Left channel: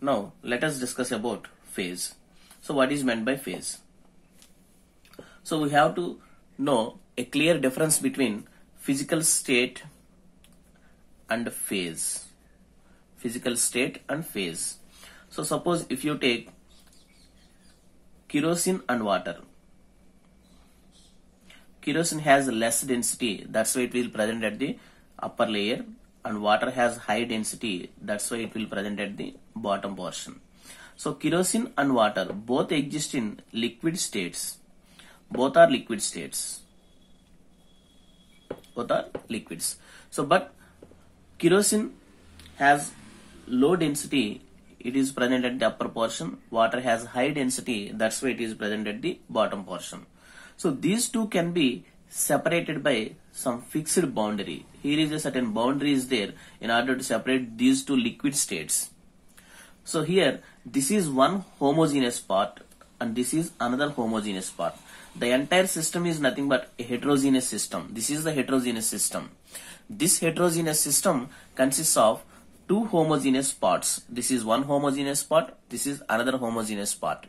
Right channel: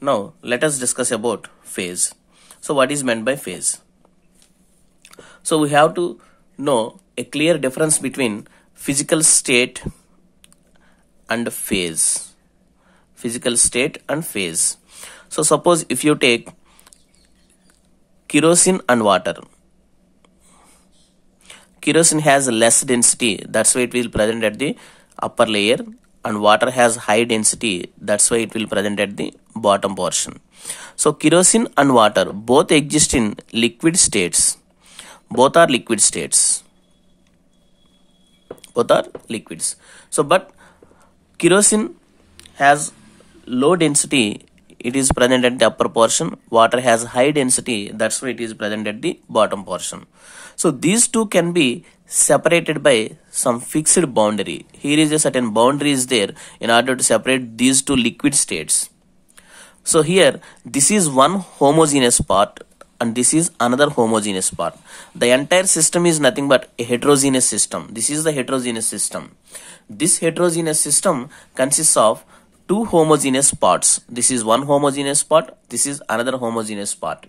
Now let us discuss about phase. So what is meant by phase? So we have to know a clear difference between physical state and phase. Physical state and phase. So suppose if you take kerosene and water. Kerosene has less density, that's why it will present at the upper layer, and water has high density, that's why it will present at the bottom portion. So kerosene and water both exist in liquid states. Both are liquid states. Both are liquids. So but kerosene has low density, it is present at the upper portion. Water has high density, that's why it is present at the bottom portion. So these two can be separated by some fixed boundary. Here is a certain boundary is there in order to separate these two liquid states. So here this is one homogeneous part and this is another homogeneous part. The entire system is nothing but a heterogeneous system. This is the heterogeneous system. This heterogeneous system consists of two homogeneous parts. This is one homogeneous part, this is another homogeneous part.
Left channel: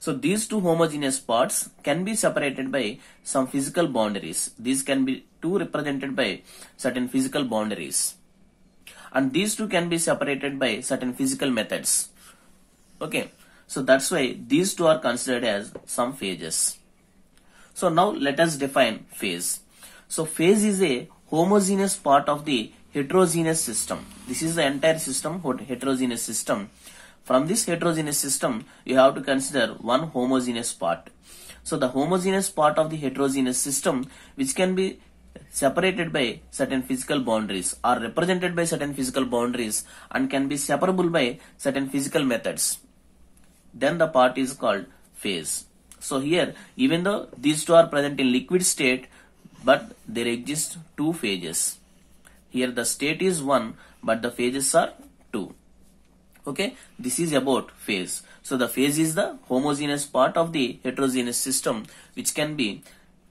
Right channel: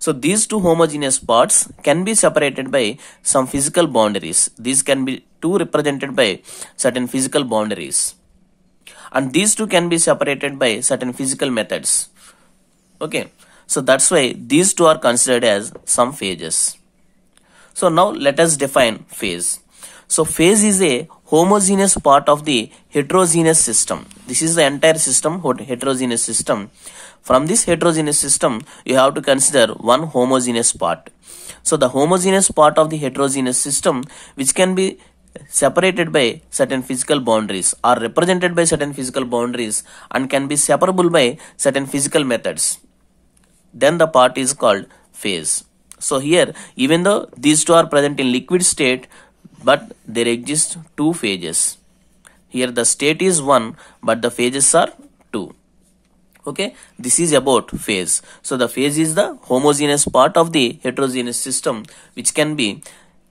So these two homogeneous parts can be separated by some physical boundaries. These can be two represented by certain physical boundaries. And these two can be separated by certain physical methods. Okay. So that's why these two are considered as some phases. So now let us define phase. So phase is a homogeneous part of the heterogeneous system. This is the entire system, heterogeneous system. From this heterogeneous system, you have to consider one homogeneous part. So the homogeneous part of the heterogeneous system, which can be separated by certain physical boundaries or represented by certain physical boundaries and can be separable by certain physical methods, then the part is called phase. So here, even though these two are present in liquid state, but there exist two phases. Here the state is one, but the phases are two. Okay, this is about phase. So the phase is the homogeneous part of the heterogeneous system which can be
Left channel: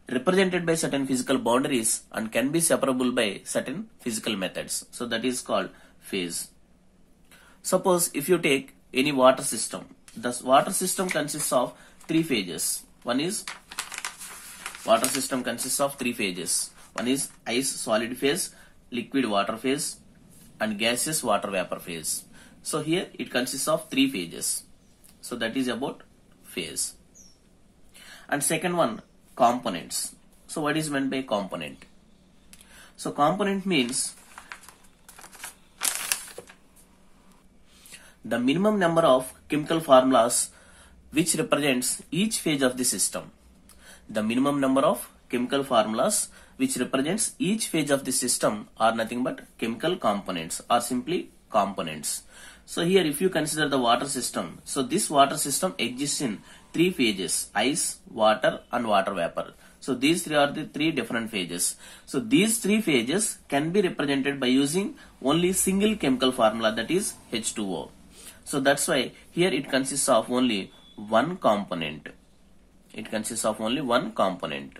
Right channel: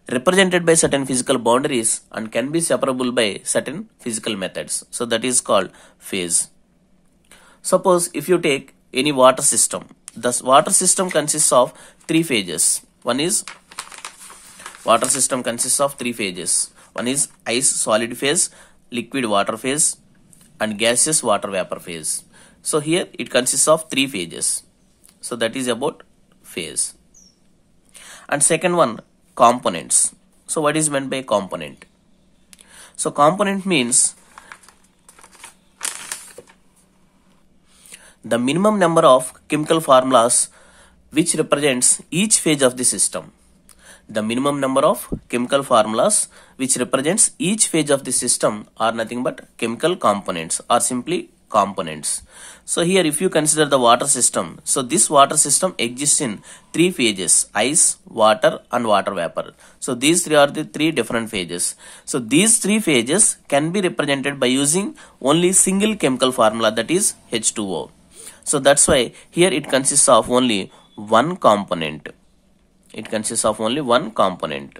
represented by certain physical boundaries and can be separable by certain physical methods. So that is called phase. Suppose if you take any water system, the water system consists of three phases. One is water system consists of three phases. One is ice solid phase, liquid water phase, and gaseous water vapor phase. So here it consists of three phases. So that is about phase. And second one, components. So what is meant by component? So component means the minimum number of chemical formulas which represents each phase of the system. The minimum number of chemical formulas which represents each phase of the system are nothing but chemical components or simply components. So here if you consider the water system, so this water system exists in three phases: ice, water and water vapor. So these three are the three different phases. So these three phases can be represented by using only single chemical formula, that is H2O. So that's why here it consists of only one component. It consists of only one component.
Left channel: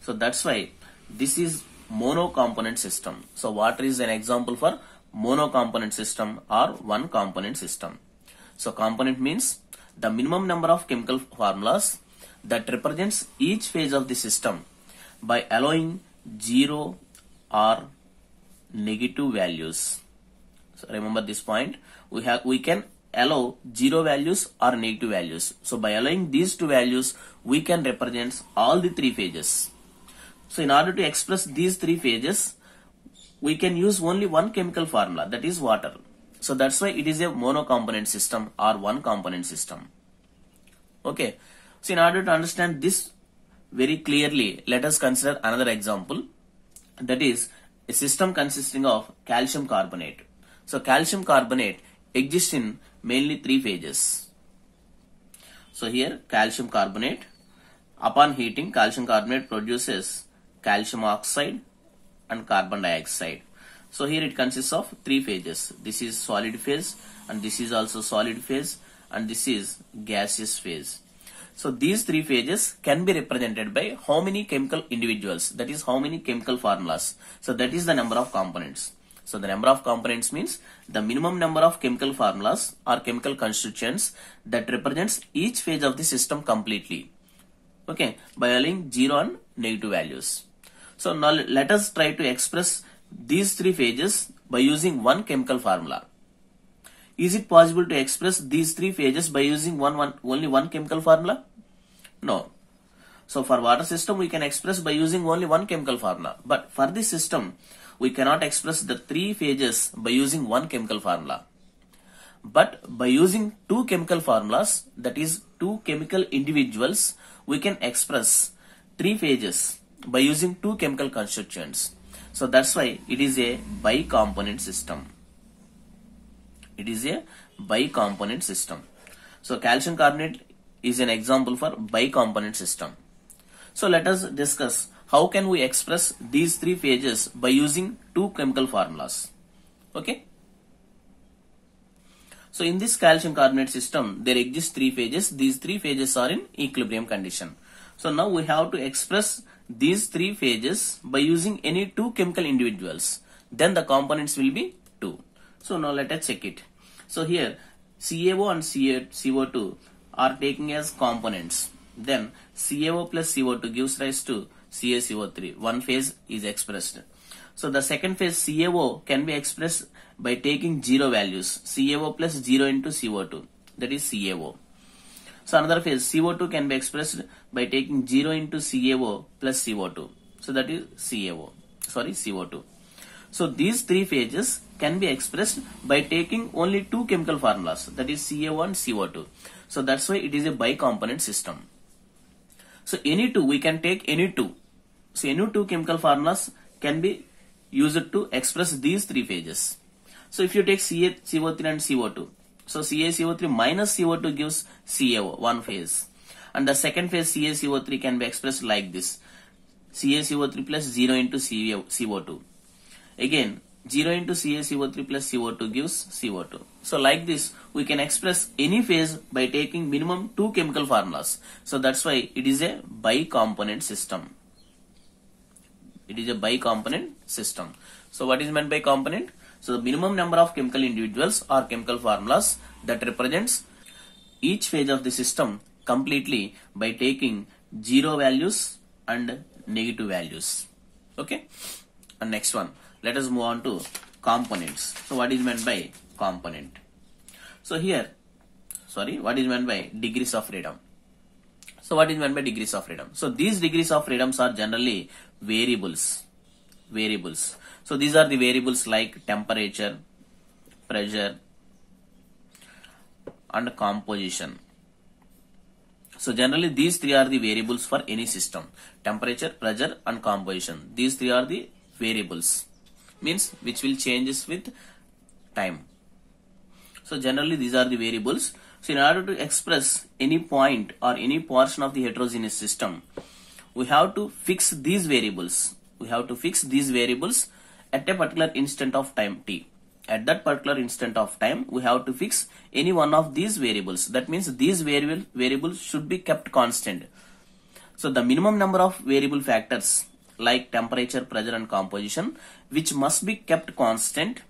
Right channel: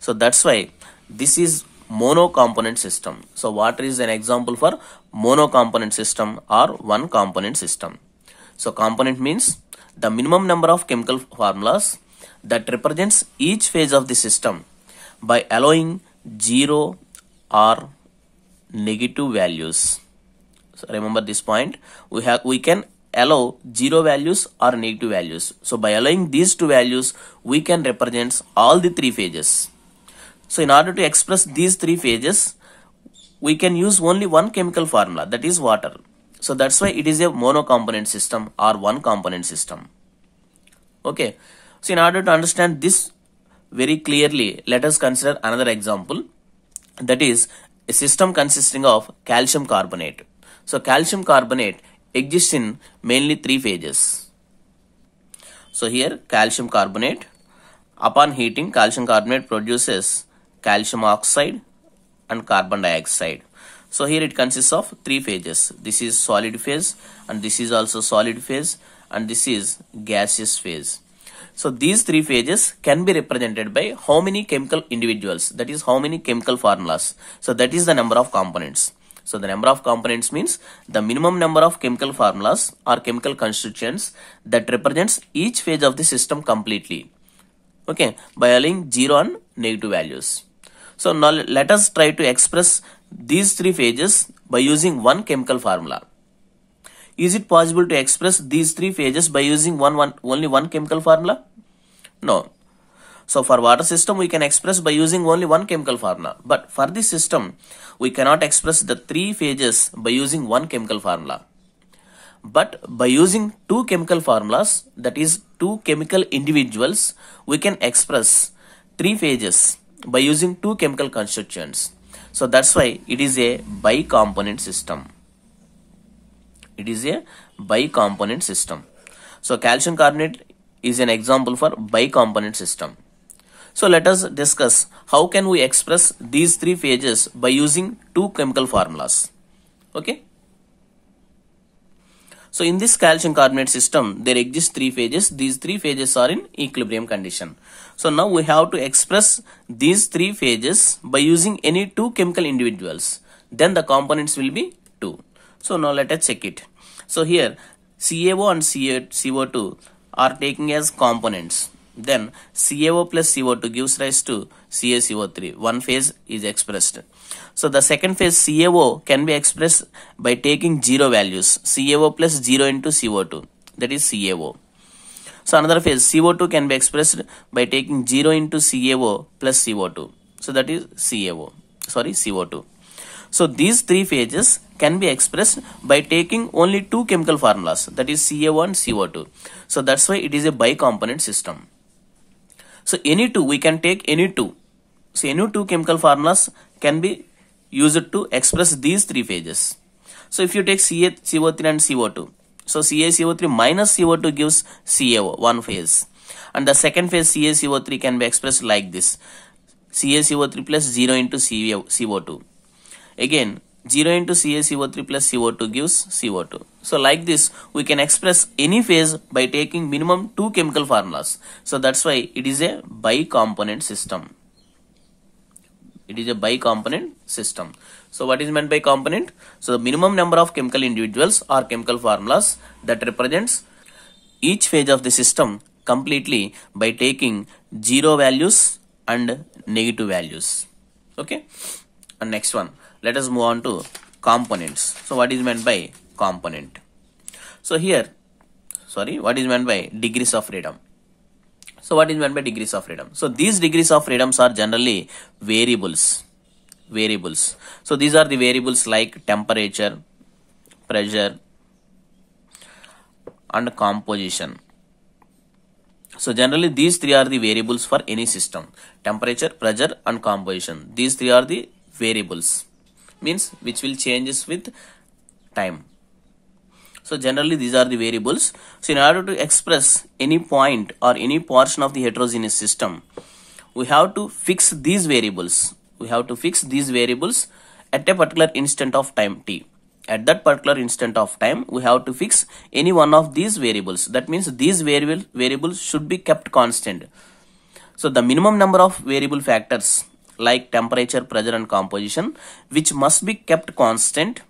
So that's why this is mono-component system. So water is an example for mono-component system or one component system. So component means the minimum number of chemical formulas that represents each phase of the system by allowing zero or negative values. So remember this point, we can allow zero values or negative values. So by allowing these two values, we can represent all the three phases. So in order to express these three phases, we can use only one chemical formula, that is water. So that's why it is a mono-component system or one component system. Okay. So in order to understand this very clearly, let us consider another example, that is a system consisting of calcium carbonate. So calcium carbonate exists in mainly three phases. So here calcium carbonate, upon heating calcium carbonate produces calcium oxide and carbon dioxide. So here it consists of three phases. This is solid phase and this is also solid phase and this is gaseous phase. So these three phases can be represented by how many chemical individuals, that is how many chemical formulas. So that is the number of components. So the number of components means the minimum number of chemical formulas or chemical constituents that represents each phase of the system completely. Okay, by allowing 0 and negative values. So now let us try to express these three phases by using one chemical formula. Is it possible to express these three phases by using only one chemical formula? No. So for water system we can express by using only one chemical formula. But for this system we cannot express the three phases by using one chemical formula. But by using two chemical formulas, that is two chemical individuals, we can express three phases by using two chemical constituents. So that's why it is a bicomponent system. It is a bicomponent system. So calcium carbonate is an example for bicomponent system. So let us discuss how can we express these three phases by using two chemical formulas. Okay. So in this calcium carbonate system, there exist three phases. These three phases are in equilibrium condition. So now we have to express these three phases by using any two chemical individuals. Then the components will be 2. So now let us check it. So here CaO and CO2 are taking as components. Then CaO plus CO2 gives rise to CaCO3. One phase is expressed. So the second phase CaO can be expressed by taking 0 values. CaO plus 0 into CO2. That is CaO. So another phase CO2 can be expressed by taking 0 into CaO plus CO2. So that is CO2. So these three phases can be expressed by taking only two chemical formulas. That is CaO and CO2. So that's why it is a bicomponent system. So any two, we can take any two. So any two chemical formulas can be used to express these three phases. So if you take CaCO3 and CO2, so CaCO3 minus CO2 gives CaO, one phase. And the second phase CaCO3 can be expressed like this. CaCO3 plus 0 into CO2. Again, 0 into CaCO3 plus CO2 gives CO2. So like this, we can express any phase by taking minimum two chemical formulas. So that's why it is a bicomponent system. It is a bicomponent system. So what is meant by component? So the minimum number of chemical individuals or chemical formulas that represents each phase of the system completely by taking 0 values and negative values. Okay. And next one, let us move on to components. So what is meant by component? So here, what is meant by degrees of freedom? So what is meant by degrees of freedom? So these degrees of freedoms are generally variables. So these are the variables like temperature, pressure, and composition. So generally these three are the variables for any system. Temperature, pressure, and composition. These three are the variables. Means which will changes with time. So generally these are the variables. So in order to express any point or any portion of the heterogeneous system, we have to fix these variables. At a particular instant of time t. At that particular instant of time, we have to fix any one of these variables. That means these variables should be kept constant. So the minimum number of variable factors like temperature, pressure, and composition, which must be kept constant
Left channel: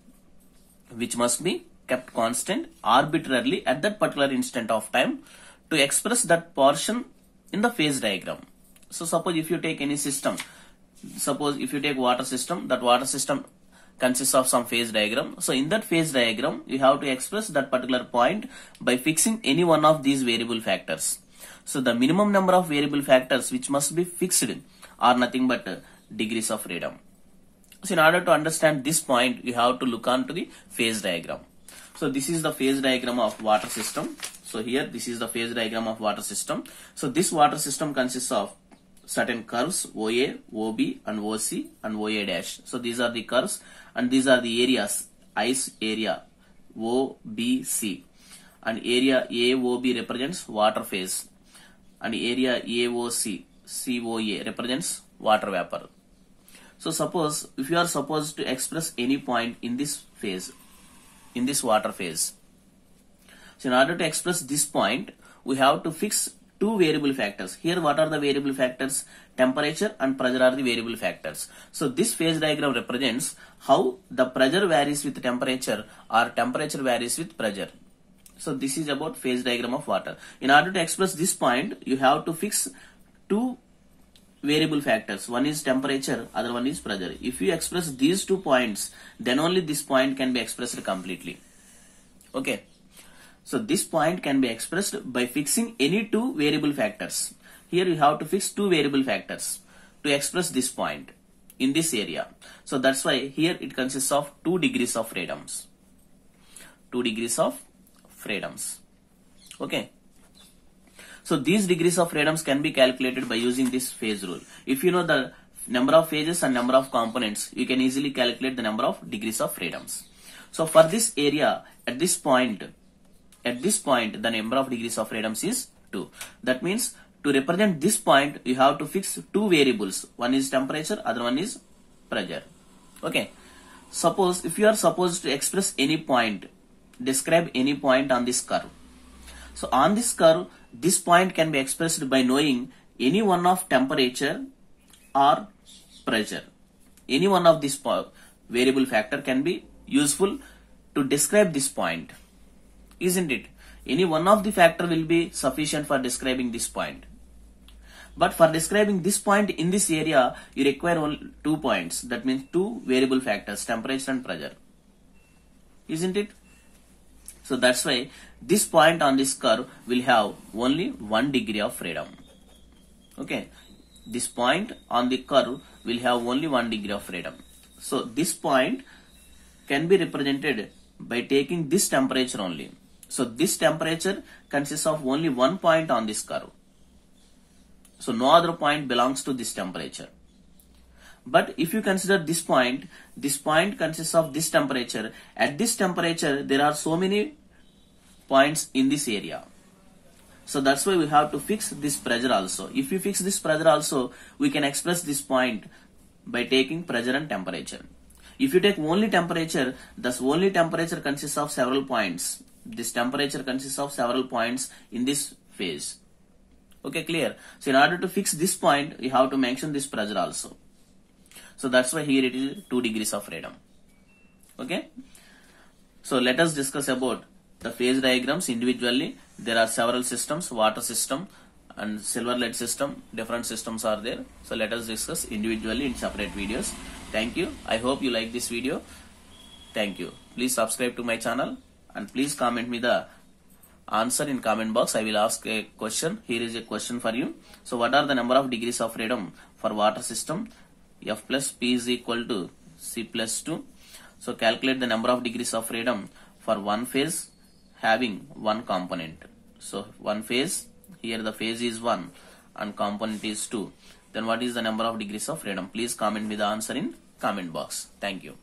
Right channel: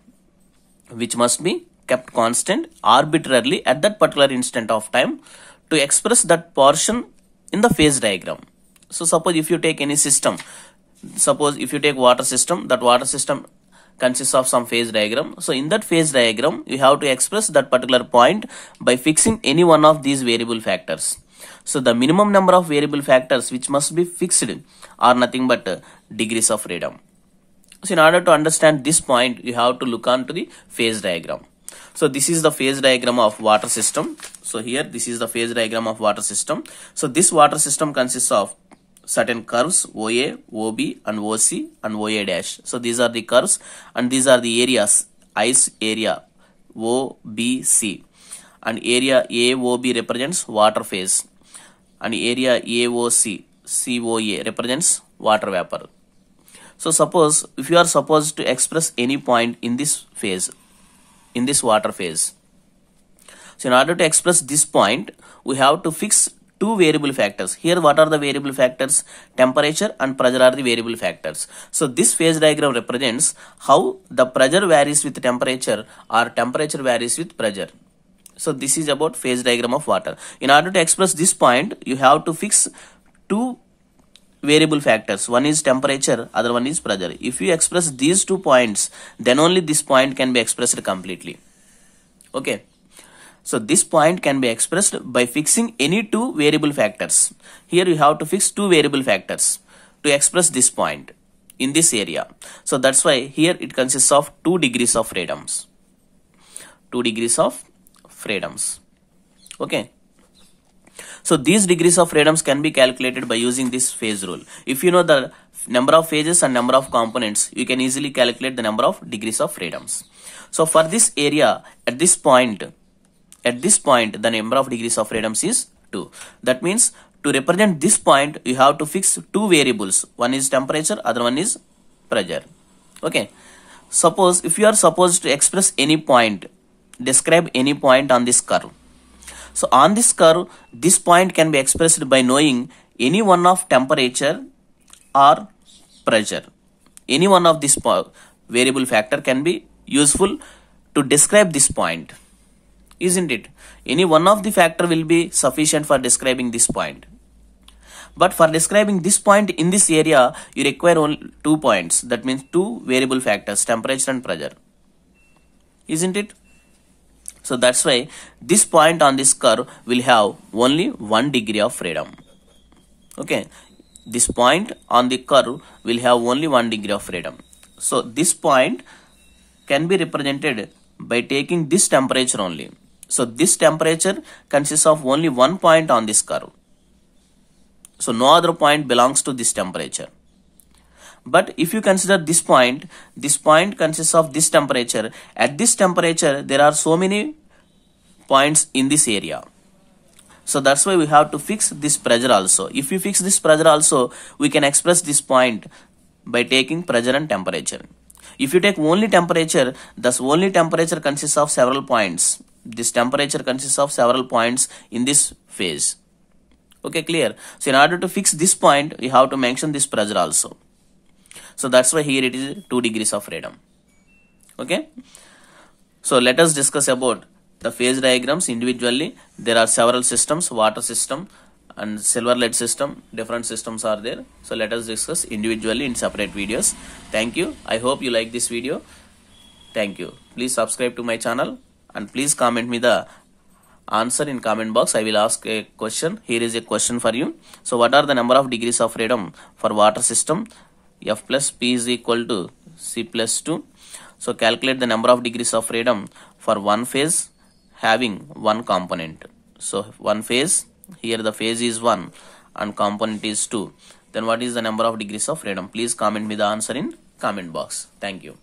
arbitrarily at that particular instant of time to express that portion in the phase diagram. So suppose if you take any system, suppose if you take water system, that water system consists of some phase diagram. So in that phase diagram, you have to express that particular point by fixing any one of these variable factors. So the minimum number of variable factors which must be fixed are nothing but degrees of freedom. So in order to understand this point, you have to look onto the phase diagram. So this is the phase diagram of water system. So here this is the phase diagram of water system. So this water system consists of certain curves OA, OB, and OC and OA dash. So these are the curves and these are the areas. Ice area OBC and area AOB represents water phase and area AOC COA represents water vapor. So suppose if you are supposed to express any point in this phase, in this water phase. So in order to express this point, we have to fix two variable factors. Here what are the variable factors? Temperature and pressure are the variable factors. So this phase diagram represents how the pressure varies with temperature or temperature varies with pressure. So this is about phase diagram of water. In order to express this point, you have to fix two variable factors. One is temperature, other one is pressure. If you express these 2 points, then only this point can be expressed completely. Okay. So this point can be expressed by fixing any two variable factors. Here you have to fix two variable factors to express this point in this area. So that's why here it consists of 2 degrees of freedoms. 2 degrees of freedoms. Okay. So these degrees of freedoms can be calculated by using this phase rule. If you know the number of phases and number of components, you can easily calculate the number of degrees of freedoms. So for this area, at this point, the number of degrees of freedoms is 2. That means to represent this point, you have to fix two variables. One is temperature, other one is pressure. Okay. Suppose if you are supposed to express any point, describe any point on this curve. So on this curve, this point can be expressed by knowing any one of temperature or pressure. Any one of this variable factor can be useful to describe this point. Isn't it? Any one of the factor will be sufficient for describing this point. But for describing this point in this area, you require only 2 points. That means two variable factors, temperature and pressure. Isn't it? So that's why this point on this curve will have only 1 degree of freedom. Okay. This point on the curve will have only 1 degree of freedom. So this point can be represented by taking this temperature only. So this temperature consists of only 1 point on this curve. So no other point belongs to this temperature. But if you consider this point consists of this temperature. At this temperature, there are so many points in this area. So that's why we have to fix this pressure also. If you fix this pressure also, we can express this point by taking pressure and temperature. If you take only temperature, thus only temperature consists of several points. This temperature consists of several points in this phase. Okay, clear? So in order to fix this point, you have to mention this pressure also. So that's why here it is 2 degrees of freedom. Okay. So let us discuss about the phase diagrams individually. There are several systems, water system and silver lead system. Different systems are there. So let us discuss individually in separate videos. Thank you. I hope you like this video. Thank you. Please subscribe to my channel and please comment me the answer in comment box. I will ask a question. Here is a question for you. So what are the number of degrees of freedom for water system? F plus P is equal to C plus 2. So calculate the number of degrees of freedom for one phase having one component. So one phase, here the phase is 1 and component is 2. Then what is the number of degrees of freedom? Please comment me the answer in comment box. Thank you.